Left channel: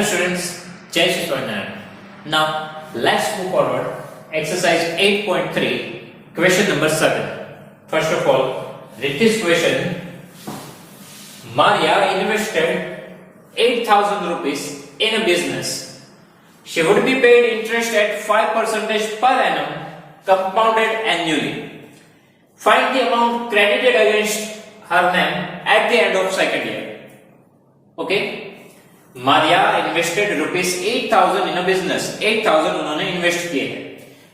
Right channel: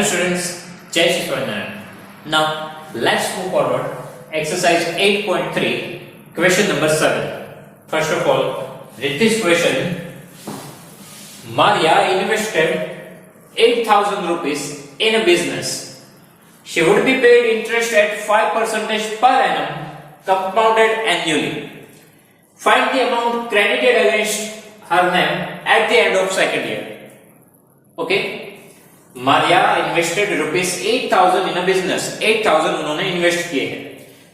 Hello students, Jai Shri Swaminarayan. Now let's move forward. Exercise 8.3, question number 7. First of all, read this question. Maria invested 8,000 rupees in a business. She would be paid interest at 5% per annum, compounded annually. Find the amount credited against her name at the end of second year. Okay? Maria invested rupees 8,000 in a business. 8,000 उन्होंने invest किए हैं.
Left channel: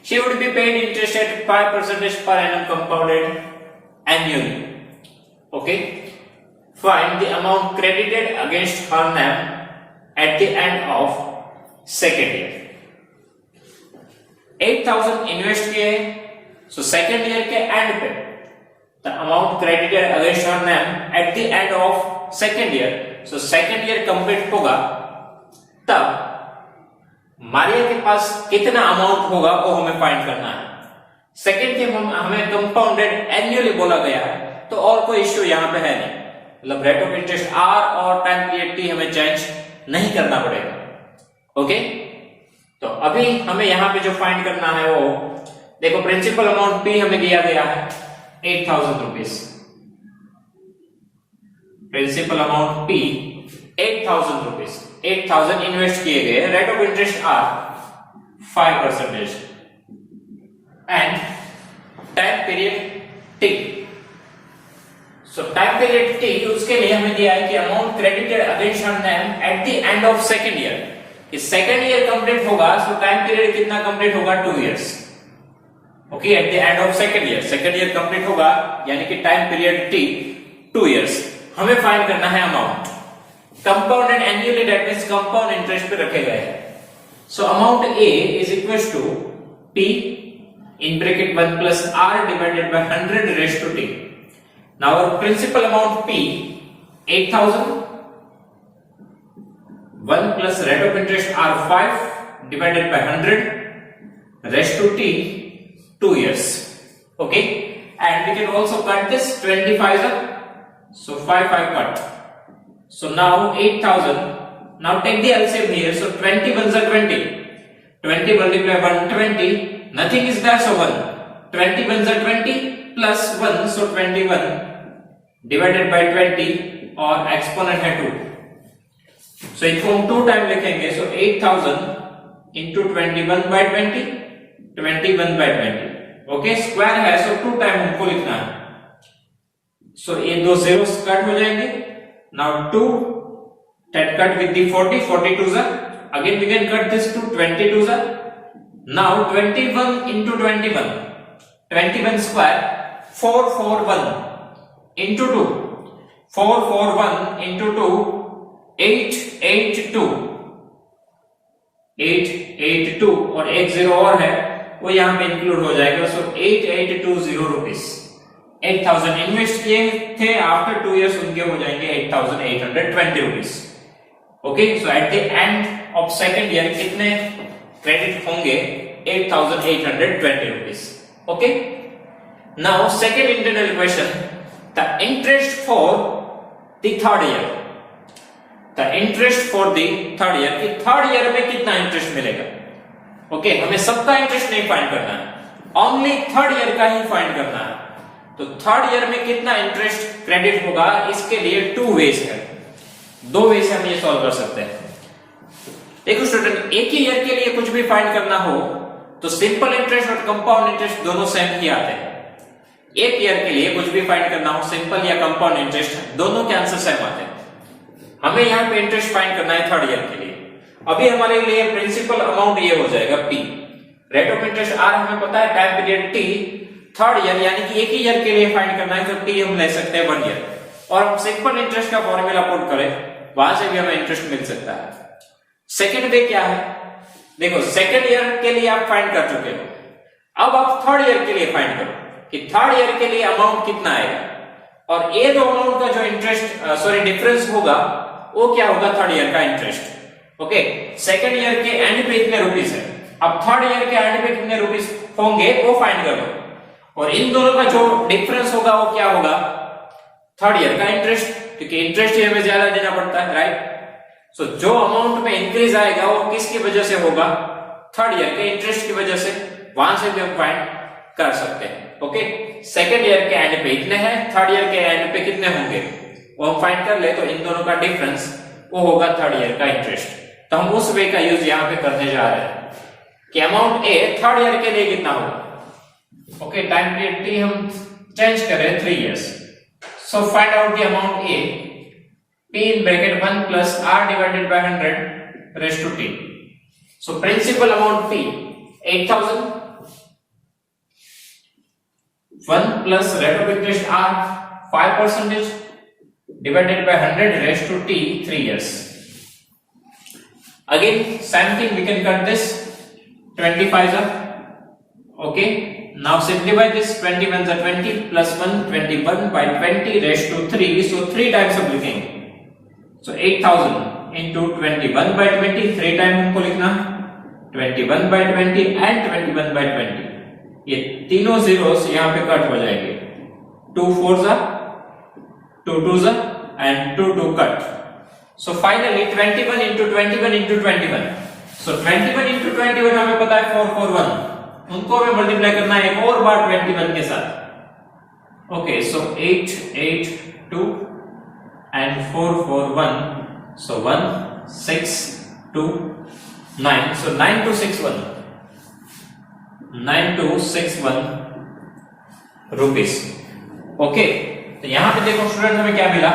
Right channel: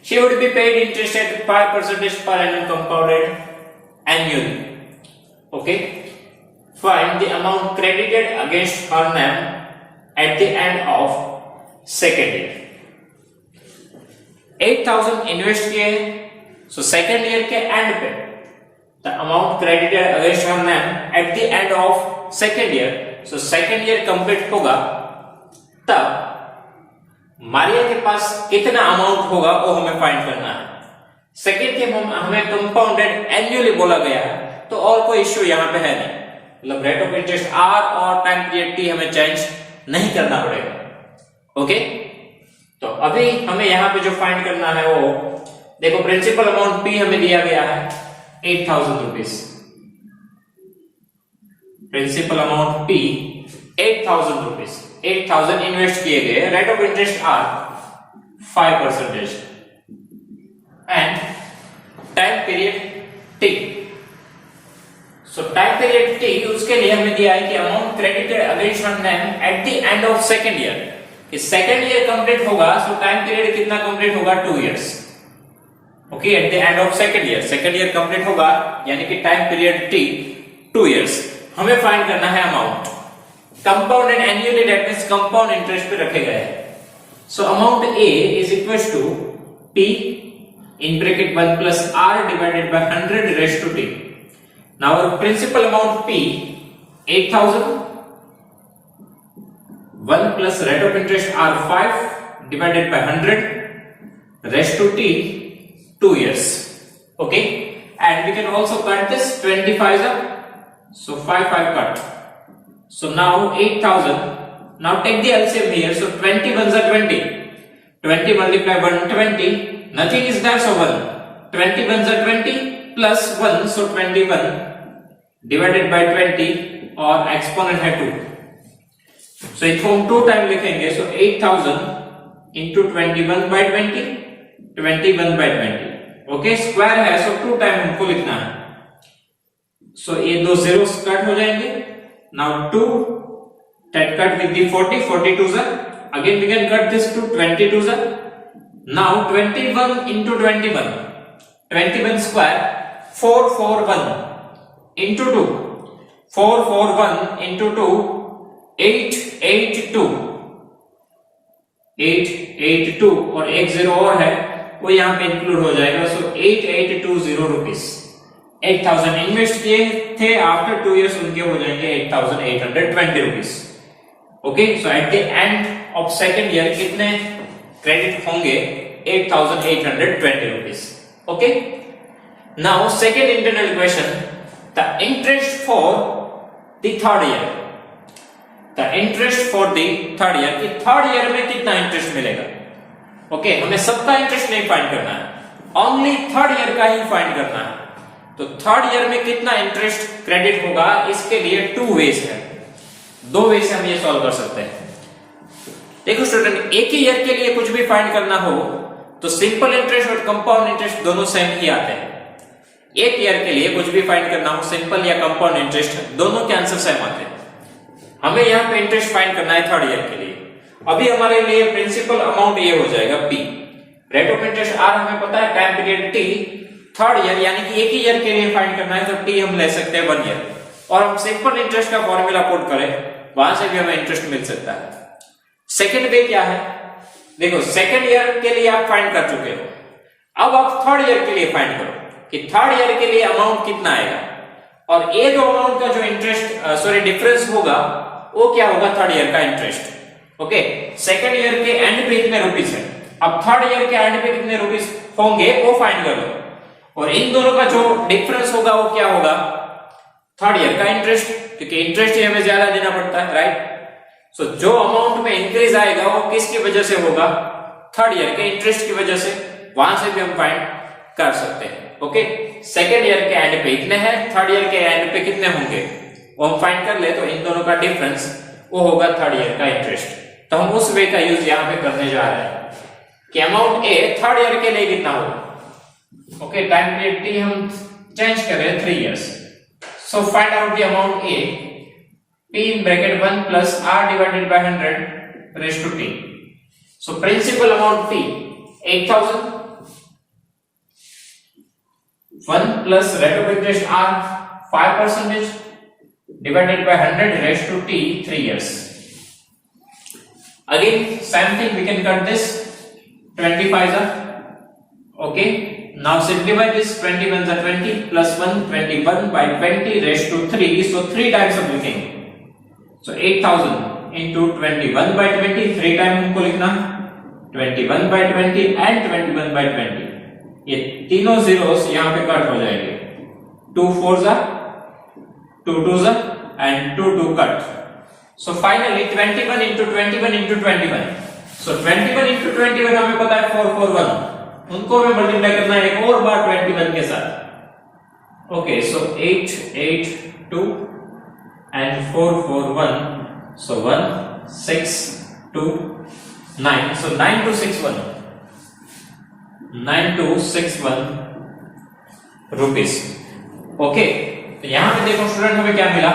She would be paid interest at 5% per annum, compounded annually. Okay? Find the amount credited against her name at the end of second year. 8,000 invest किए हैं, so second year के and पे the amount credited against her name at the end of second year, so second year complete होगा तब मारिया के पास कितना amount होगा वो हमें फाइंड करना है. सेकेंड के हमें कंपाउंडेड एनुअली बोला गया है, तो और कोई इश्यू यहाँ पे है नहीं. मतलब रेट ऑफ इंटरेस्ट आर और टाइम पीरियड टी हमें चेंज नहीं करना पड़ेगा. ओके, तो अभी हमें यहाँ पे जो फाइंड करना है वो देखो, प्रिंसिपल अमाउंट पी हमें दिया गया है 8,000 rupees. Principal amount P 8,000 rupees. 8,000 invest किए गए. Rate of interest R 5% and time period T. So time period T उसके लिए हमें दिया है कि amount credited against her name at the end of second year. इस सेकेंड ईयर कंप्लीट होगा, सो टाइम पीरियड कितना कंप्लीट होगा? 2 years. Okay, at the end of second year complete होगा, यानी कि टाइम पीरियड टी 2 इयर्स. हमें find करना है amount compounded annually, that means compound interest पे रखे गए हैं. So amount A is equals to T in bracket 1 plus R divided by 100 raise to T. Now our principal amount P 8,000, 1 plus rate of interest are 5 divided by 100 raised to t 2 years. Okay, and we can also cut this 25 up, so 5 cut. So now 8,000. Now take the LCM here, so 20 1s are 20. 20 multiplied by 120, nothing is there, so 1. 20 1s are 20 plus 1, so 21 divided by 20 और exponent है 2. सो इसको हम 2 time लिखेंगे, सो 8,000 into 21 by 20, 21 by 20. Okay, square है, सो 2 time हमको लिखना है. सो ये दो जीरोस कट हो जाएंगे. Now 2 that cut with the 40, 42 are. Again we can cut this to 22 are. Now 21 into 21, 21 square 441 into 2, 441 into 2 882 और एक जीरो और है वो यहाँ पे इंक्लूड हो जाएगा. सो 8820 रुपीस. 8,000 इन्वेस्ट किए थे, आफ्टर 2 इयर्स उनके हो जाएंगे 8,820 rupees. Okay, so eight the end of second year कितने क्रेडिट होंगे? 8,820 rupees. Okay, now second internal question, the interest for the third year. The interest for the third year, कि third year में कितना interest मिलेगा. Okay, हमें सबका interest नहीं find करना है, ओनली थर्ड ईयर का ही फाइंड करना है. तो थर्ड ईयर में कितना इंटरेस्ट क्रेडिट होगा, इसके लिए 2 वेज है. 2 वे से हम ये सॉल्व कर सकते हैं. देखो स्टूडेंट, एक ही ईयर के लिए कुछ भी फाइंड करना हो तो सिंपल इंटरेस्ट और कंपाउंड इंटरेस्ट दोनों सेम ही आते हैं. एक ईयर के लिए कुछ भी फाइंड करना हो, सिंपल या कंपाउंड इंटरेस्ट, दोनों के आंसर सेम आते हैं. हमें यहाँ पे इंटरेस्ट फाइंड करना है थर्ड ईयर के लिए. अभी हमारे लिए प्रिंसिपल अमाउंट ये हो जाएगा P. Rate of interest R हमें पता है, time period T. Third year यानी कि एक ही ईयर के लिए फाइंड करना है, तो टी हम ले सकते हैं 1 ईयर. और हम सिंपल इंटरेस्ट का फॉर्मूला पुट करें, वहां से भी हमें इंटरेस्ट मिल सकता है. सेकेंड वे क्या है? देखो, सेकेंड ईयर के लिए आप फाइंड कर चुके हो, अब आप थर्ड ईयर के लिए फाइंड करो कि थर्ड ईयर के लिए अमाउंट कितना आएगा. और ये दो अमाउंट का जो इंटरेस्ट डिफरेंस होगा वो क्या होगा? थर्ड ईयर का इंटरेस्ट. ओके, सेकेंड ईयर के एंड पे कितने रुपीस है, अब थर्ड ईयर के एंड पे कितने रुपीस होंगे वो फाइंड कर लो. और इन दोनों का जो डिफरेंस होगा वो क्या होगा? थर्ड ईयर का इंटरेस्ट, क्योंकि इंटरेस्ट ही हमें ज्यादा देना पड़ता है, राइट. सो जो अमाउंट में इंक्रीज आएगा वो किसकी वजह से होगा, थर्ड ईयर के इंटरेस्ट की वजह से, वहां से भी हम फाइंड कर सकते हैं। ओके, सेकेंड ईयर के एंड पे इतने हैं, थर्ड ईयर के एंड पे कितने होंगे वो हम फाइंड कर ले, तो इन दोनों का डिफरेंस वो होगा थर्ड ईयर का इंटरेस्ट। तो हम उस वे का यूज यहाँ पे करने जा रहे हैं कि अमाउंट ए थर्ड ईयर के लिए कितना होगा। ओके, टाइम पीरियड टी हम चेंज कर रहे हैं 3 years. So find out the amount A, p in bracket 1 plus r divided by 100 raised to t. So principal amount p 8000, 1 plus rate of interest r 5% divided by 100 raised to t 3 years. Again same thing, we can cut this 25 are okay. Now simplify this, 21 are 20 plus 1 21 by 20 raised to 3, so 3 times of लिखेंगे। So 8000 into 21 by 20, 3 time हमको लिखना, 21 by 20 and 21 by 20, ये तीनों zeros यहाँ पे cut हो जाएंगे, 2 4s are 2 2s are and 2 2 cut. So finally 21 into 21 into 21, so 21 into 21 हमें पता है 441, उनको हमें मल्टीप्लाई करना है एक और बार 21 के साथ। Okay, so 8 8 2 and 4 4 1, so 1 6 2 9, so 9 2 6 1, 9 2 6 1 rupees. Okay, तो यहां पे देखो स्टूडेंट हमें क्या मिला,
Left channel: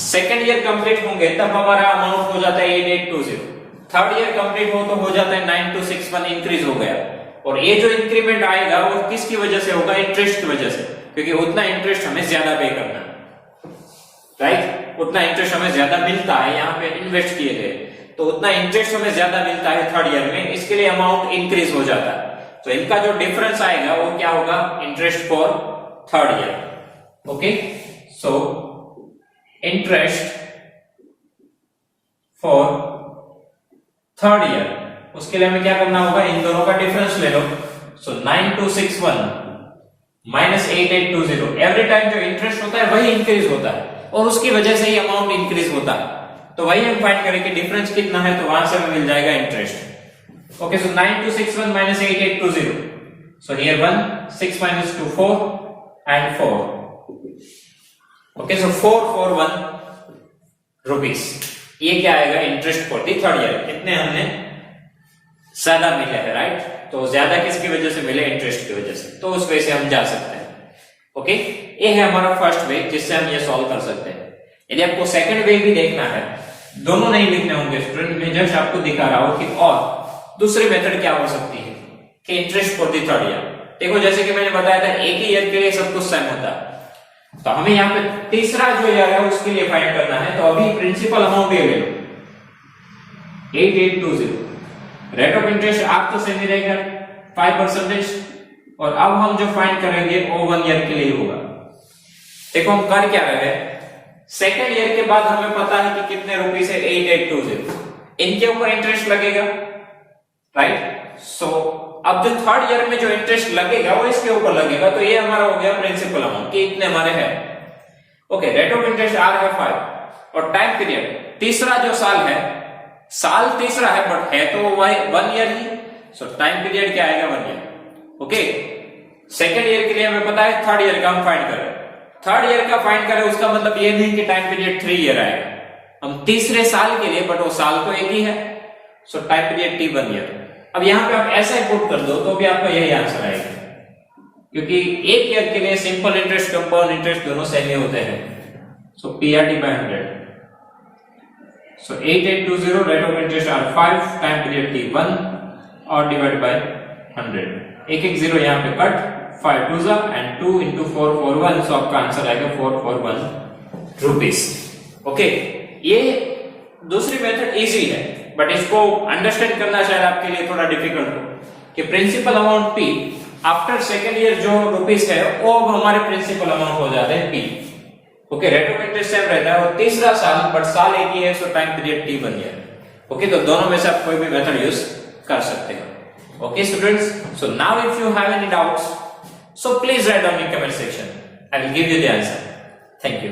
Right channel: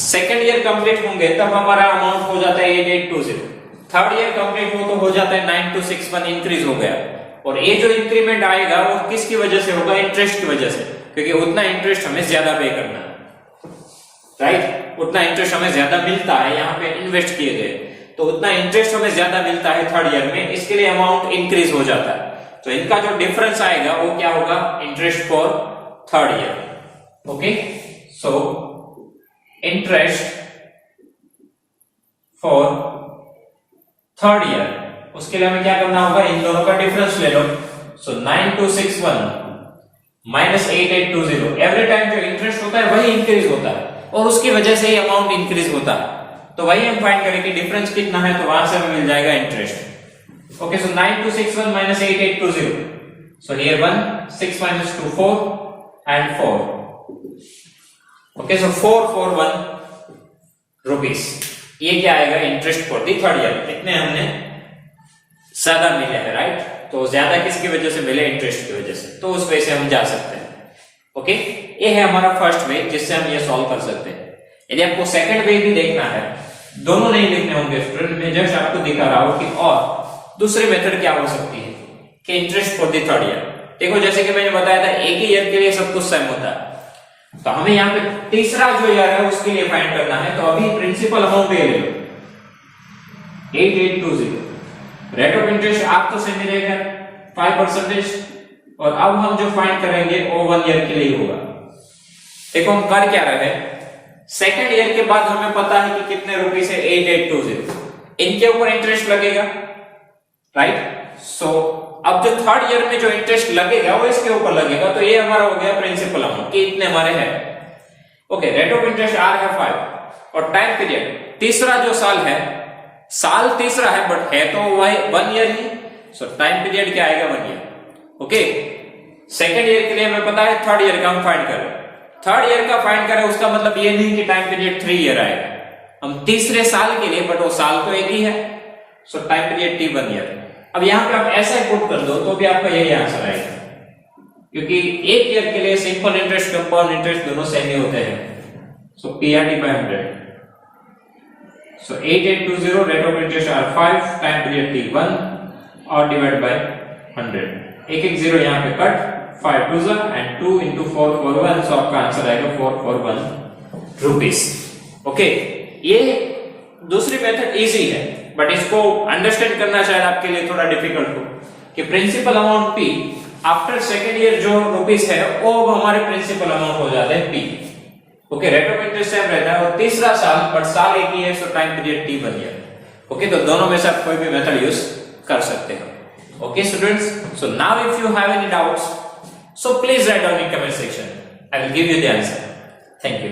सेकेंड ईयर कंप्लीट होंगे तब हमारा अमाउंट हो जाता है 8820, थर्ड ईयर कंप्लीट हो तो हो जाता है 9261, इंक्रीज हो गया। और ये जो इंक्रीमेंट आएगा वो किसकी वजह से होगा, इंटरेस्ट की वजह से, क्योंकि उतना इंटरेस्ट हमें ज्यादा पे करना है, राइट, उतना इंटरेस्ट हमें ज्यादा मिलता है, यहाँ पे इन्वेस्ट किए गए तो उतना इंटरेस्ट हमें ज्यादा मिलता है थर्ड ईयर में, इसके लिए अमाउंट इंक्रीज हो जाता है। तो इनका जो डिफरेंस आएगा वो क्या होगा, interest for third year. Okay, so interest for third year, उसके लिए हमें क्या करना होगा, इन दोनों का डिफरेंस ले लो। सो 9261 माइनस 8820, एवरी टाइम जो इंटरेस्ट होता है वही इंक्रीज होता है और उसकी वजह से ही अमाउंट इंक्रीज होता है, तो वही हम फाइंड करेंगे डिफरेंस कितना है, तो वहां से हमें मिल जाएगा interest. Okay, so 9261 minus 8820, so here 1 6 minus 2 4 and 4, okay, so 441 rupees, ये क्या आएगा, interest for the third year. कितने हमने ज्यादा मिले हैं, राइट, तो ज्यादा किसकी वजह से मिले, इंटरेस्ट की वजह से, तो उस वे से हम जा सकते हैं। ओके, ये है हमारा फर्स्ट वे जिससे हम ये सॉल्व कर सकते हैं। यदि आपको सेकंड वे भी देखना है, दोनों नहीं लिखने होंगे स्टूडेंट, मैं जस्ट आपको दिखा रहा हूं कि और दूसरी मेथड क्या हो सकती है कि interest for the third year. देखो जैसे कि मैंने बताया था एक ही ईयर के लिए सब कुछ सेम होता है, तो हमें यहाँ पे तीसरा जो ईयर है उसके लिए फाइंड करना है। तो अभी प्रिंसिपल अमाउंट ये ले लो 8820, रेट ऑफ इंटरेस्ट आप तो सेम ही रहेगा 5%, और अब हम जो फाइंड करेंगे वो 1 ईयर के लिए होगा। देखो हम कर क्या रहे हैं, सेकेंड ईयर के बाद हमें पता है कि कितने रुपीस है 8820, इनके ऊपर इंटरेस्ट लगेगा, राइट। सो अब जो थर्ड ईयर में जो इंटरेस्ट लगेगा वो इसके ऊपर लगेगा, तो ये हमारा हो गया प्रिंसिपल अमाउंट कि इतने हमारे हैं। Okay, rate of interest R है 5 और टाइम पीरियड तीसरा जो साल है, साल तीसरा है बट है तो वह 1 ईयर ही, सो टाइम पीरियड क्या आएगा 1 ईयर। ओके, सेकेंड ईयर के लिए हमें पता है थर्ड ईयर का हम फाइंड करें, थर्ड ईयर का फाइंड करें उसका मतलब ये नहीं कि टाइम पीरियड 3 ईयर आएगा, हम तीसरे साल के लिए, बट वो साल तो एक ही है, सो टाइम पीरियड टी 1 ईयर। अब यहां पे आप ऐसा पुट कर दो तो भी आपका यही आंसर आएगा, क्योंकि एक ईयर के लिए सिंपल इंटरेस्ट कंपाउंड इंटरेस्ट दोनों सेम ही होते हैं। So PRT by 100, so 8820 rate of interest R 5, time period T 1 और डिवाइड बाय 100, एक एक जीरो यहाँ पे कट, 5 2 and 2 into 441, सो आपका आंसर आएगा 441 रुपीस। ओके, ये दूसरी मेथड इजी है बट इसको अंडरस्टैंड करना शायद आपके लिए थोड़ा डिफिकल्ट हो कि principal amount P after second year जो रुपीस है वो हमारे प्रिंसिपल अमाउंट हो जाता है P। Okay, rate of interest same रहता है और तीसरा साल, बट साल एक ही है, सो time period T 1 year. Okay, तो दोनों में से आप कोई भी मेथड यूज कर सकते हो। Okay students, so now if you have any doubts, so please write down in comment section. I will give you the answer. Thank you.